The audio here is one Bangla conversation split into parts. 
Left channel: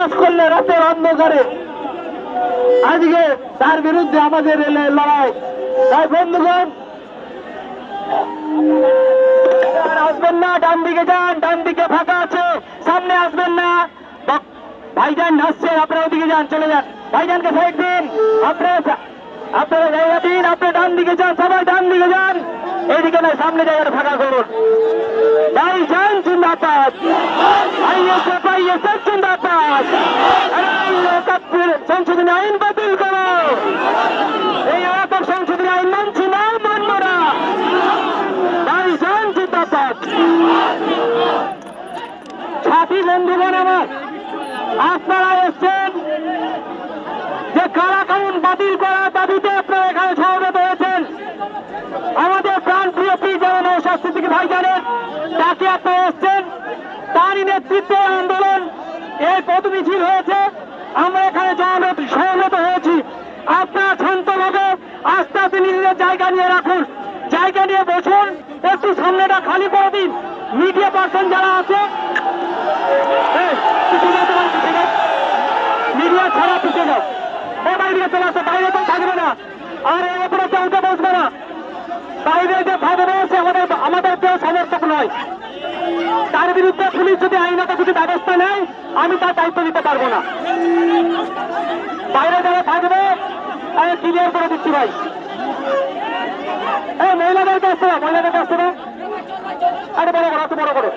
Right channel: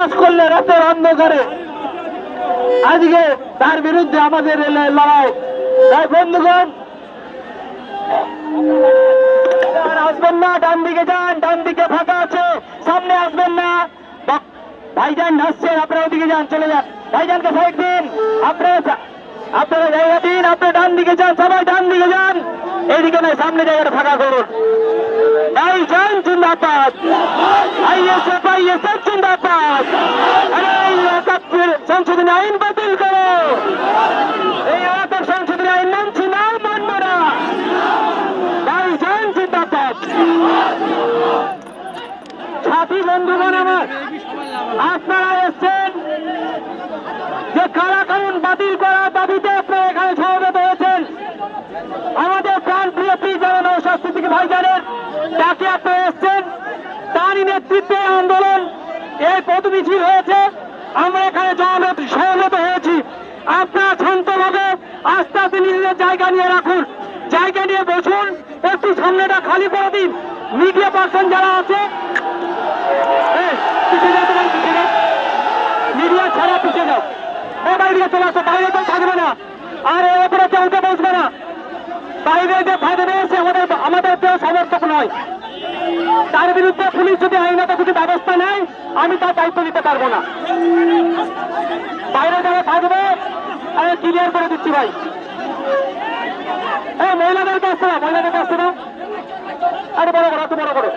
করলে রাতের অন্ধকারে আজকে তার বিরুদ্ধে আমাদের লড়াই। তাই বন্ধুগণ, আসবেন না, ডান দিকে যান, ডান দিকে ফাঁকা আছে, সামনে আসবেন না। ভাইজান আসছেন, আপনারা ওদিকে যান, চলে যান। ভাইজানকে ভোট দিন, আপনারা জায়গা দিন, আপনি ডান দিকে যান, সবাই ডান দিকে যান, এইদিকে নয়, সামনে জায়গাটা ফাঁকা করুন। ভাইজান জিন্দাবাদ, জিন্দাবাদ। সংশোধনী আইন বাতিল করো, এই এলাকার সংশোধনী আইন মানছি না, মানব না। ভাইজান জিন্দাবাদ। সাথী বন্ধুগণ আমার, আপনারা এসছেন যে কারাকানুন বাতিল করার দাবিতে আপনারা এখানে সমবেত হয়েছেন। আমাদের প্রাণপ্রিয় পীর নওশাদ সিদ্দিকী ভাইজানের তাকে আপনারা এসছেন, তারই নেতৃত্বে আন্দোলন এই পথ মিছিল হয়েছে। আমরা এখানে সমবেত হয়েছি। আপনারা শান্তভাবে আস্তে আস্তে নিজেদের জায়গা নিয়ে রাখুন, জায়গা নিয়ে বসুন, একটু সামনেটা খালি করে দিন। মিডিয়া পার্সন যারা আছে মিডিয়া ছাড়া পিছিয়ে যাও, বাইরে চলে আসো, বাইরে তো থাকবে না, আর এরপরে কেউ বসবে না। বাইরে যে থাকবে সে আমাদের কেউ সমর্থক নয়। তার বিরুদ্ধে পুলিশ যদি আইনত কিছু ব্যবস্থা নেয়, আমি তার দায়িত্ব নিতে পারবো না। বাইরে যারা থাকবে আমি ক্লিয়ার করে দিচ্ছি ভাই। মহিলাদেরকে আসতে না, মহিলাদেরকে আসতে না, আরে বড় করো, বড় করো।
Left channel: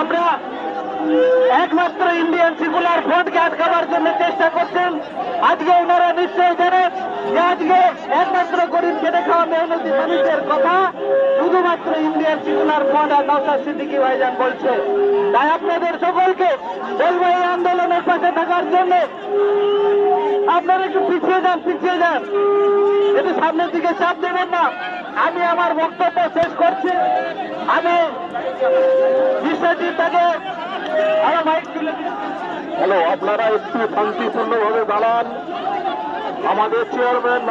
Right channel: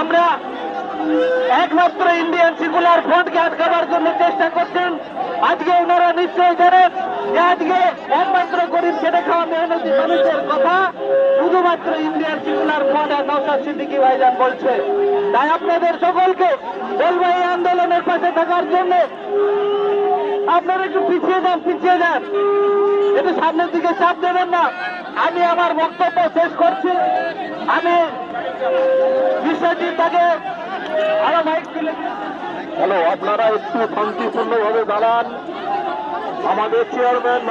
আমরা একমাত্র ইন্ডিয়ান সেকুলার ফ্রন্টকে আটকাবার জন্য চেষ্টা করছেন। আজকে ওনারা নিশ্চয় জানেন যে আজকে একমাত্র গরিব খেটে খাওয়া মেহনতি মানুষের কথা শুধুমাত্র ইন্ডিয়ান সেকুলার ফ্রন্ট আর নওশাদ সিদ্দিকী ভাইজান বলছে। তাই আপনাদের সকলকে বলবো এই আন্দোলনের পাশে থাকার জন্য আপনারা একটু পিছিয়ে যান, পিছিয়ে যান, একটু সামনের দিকে চাপ দেবেন না। আমি আমার বক্তব্য শেষ করছি। আমি বিষয়টি তাকে হ্যালো, আপনারা একটু শান্তিপূর্ণভাবে দাঁড়ান। আমাদের চেয়ারম্যান